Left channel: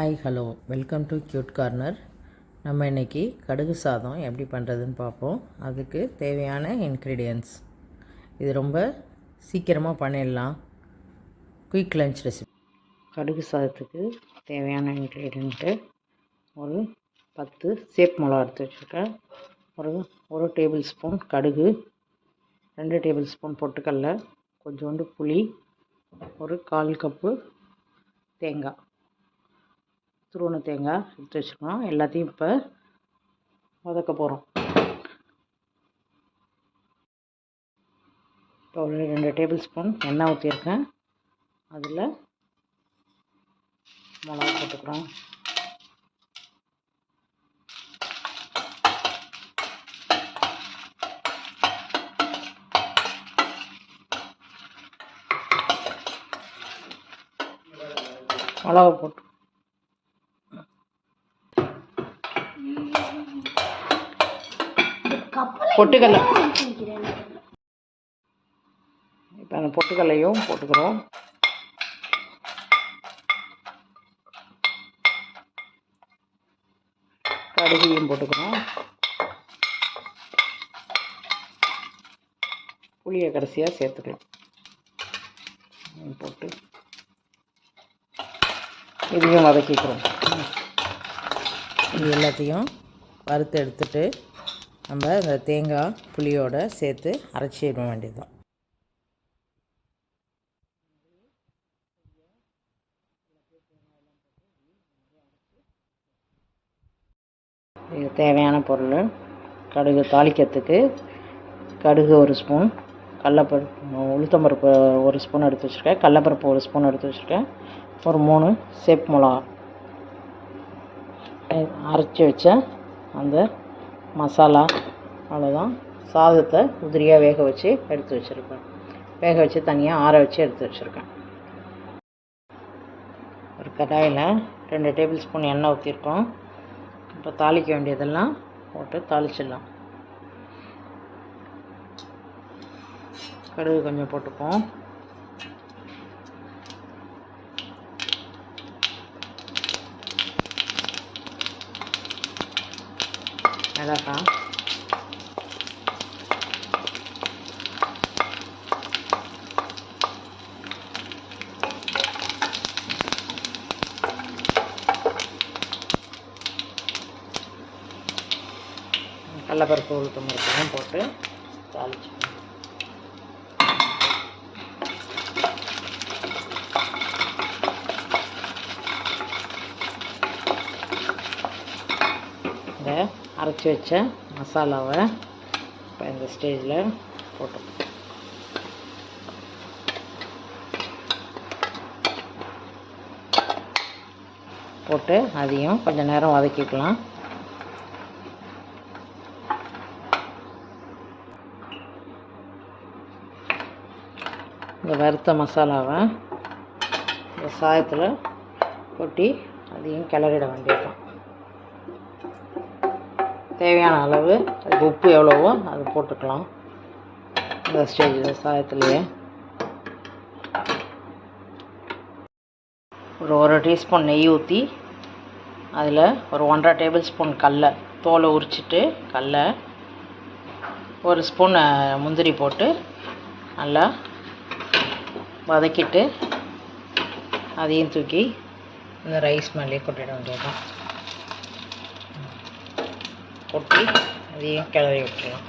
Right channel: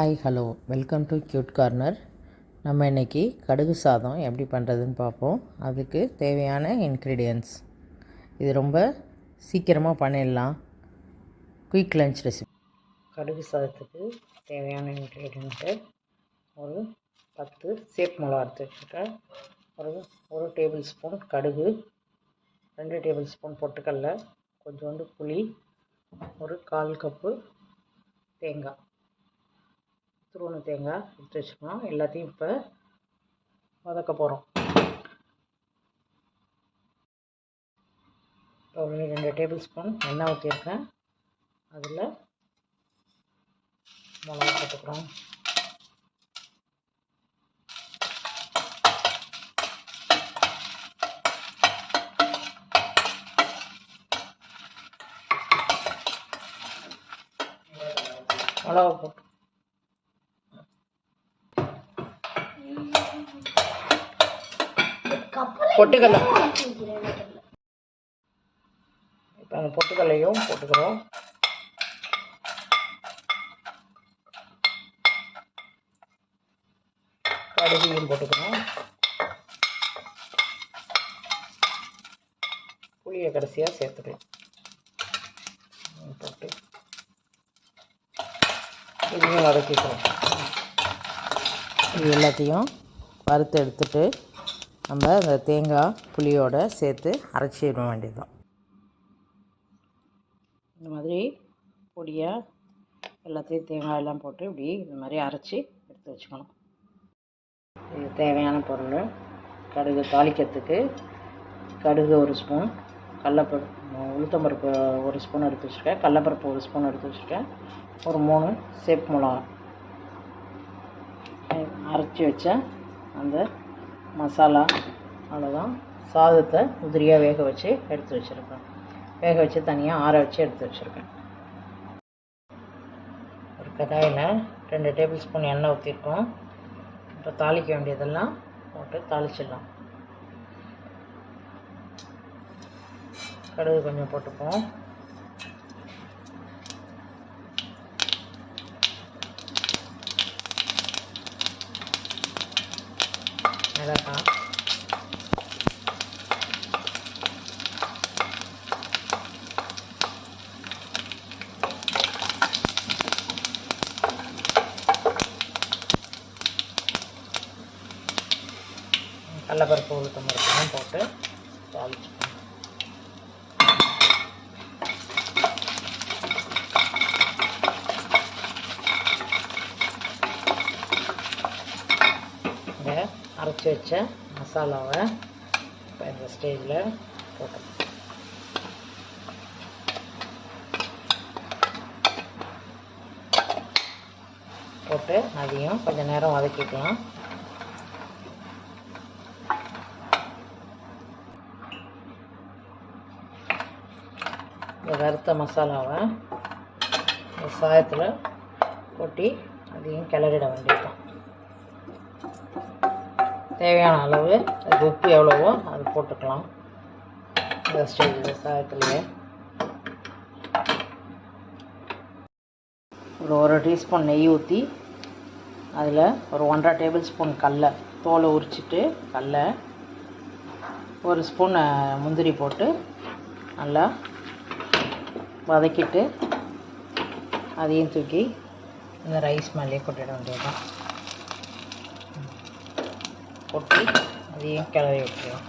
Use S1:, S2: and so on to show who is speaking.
S1: Hi hello welcome to cute corner நம்ம இன்றைக்கி கடுகு சாதம் எப்படி பண்ணுறதுன்னு பார்ப்போம். அதுக்கு தேவையான இன்க்ரீடியன்ஸ் இது ரொம்ப சீக்கிரமாக பண்ணிடலாம். குயிக் லஞ்ச் ரெசிபி கடுகு சாதத்துக்கு தேவையான இன்க்ரீடியன்ட்டு ஒரு பத்து சேப் மிளகா எடுத்து வச்சுருக்கேன். ஒரு ஒரு டேபிள் ஸ்பூன் கடுகு ரெண்டு டேபிள் ஸ்பூன் பொட்டுக்கடல கொஞ்சோண்டு புளி ஒரு கால் கப்பு தேங்காய். துருவன தேங்காய் எடுத்து வச்சுக்கணும் எல்லாத்தையும் இப்போ வதக்க போகிறோம் இப்போ ஒரு ரெண்டு டேபிள் ஸ்பூன் எண்ணெய் ஊற்றிருக்கேன் அதில் மிளகா போட்டுக்கிறோம். மிளகா போட்டு பொட்டுக்கல்லை. இப்போ அந்த பொட்டுக்கல்லையும் போட்டுக்கிறோம். கடுகையும் போட்டுக்கிறோம். புளியை கடைசியாக சேர்த்துக்கலாம். போட்டு இதையும் வதக்கிக்கிறோம். இது எல்லாத்தையும் வறுத்து எடுத்துட்டு நம்ம அந்த தேங்காய் புளியோடு சேர்த்து அரைச்சிட வேண்டியதுதான். இந்த மாதிரி பொடியாக எல்லாத்தையும் தேங்காய் எல்லாம் போட்டு இப்படி இந்த மாதிரி அரைச்சி எடுத்து வச்சுக்கணும். இது தேவையான பொருள் கடுகு தாளிக்கிறதுக்கு கடுகு ஒரு ஸ்பூன் கடலப்பருப்பு உளுத்தம்பருப்பு ஒரு ஸ்பூன் எடுத்து வச்சுருக்கேன். கடலப்பருப்பு ஒரு ஸ்பூன் எடுத்து வச்சுருக்கேன். ஒரு மூணு சேப் மிளகா அரைச்சி வச்ச அந்த மசாலா அவ்வளோதான் சாதத்தை உதிரியாக வேக வச்சு எடுத்து வச்சுருக்கேன் வேக வச்சு தனியாக ஆற வச்சு எடுத்து வச்சுருக்கேன். ஒரு கடாயில் ரெண்டு டேபிள் ஸ்பூன் எண்ணெய் ஊற்றிருக்கோம் இப்போ தாளிக்க வேண்டியதெல்லாம் போட்டு தாளிச்சிடலாம். கடுகு கொஞ்சம் போட்டுப்போம். மிளகாய் கடலப்பருப்பு உளுத்தம் பருப்பும் போட்டு தாளிச்சுக்கணும் இந்த அரைச்சி வச்ச மசாலாவை இப்போ இந்த ஸ்டேஜில் போட்டு போட்டு அதையும் கொஞ்சம் நேரம் வதக்கிக்கலாம். இந்த வறுத்த மசாலாவை இந்த சாயத்தில் கொட்டி அதையும் கிளறிட வேண்டியதுதான். தேவையான அளவு அதுக்கு உப்பு எவ்வளவோ அது போட்டுக்கலாம். இந்த ஸ்டேஜில் சாயத்துலேயே. ஒரு ஒரு டீஸ்பூன் நெய் ஊற்றி அதில் ஒரு ஒன்றரை டேபிள் ஸ்பூன் கடல தோலை உரிச்சிட்டு கடல ஒரு ஸ்பூன் முந்திரி போட்டு நல்லா வதக்கிட்டு அதையும் தூக்கி இந்த ரைஸ் மேலேயே கொட்டிட வேண்டியதுதான். கொட்டி அதையும் கிளறி விட்டுருலாம்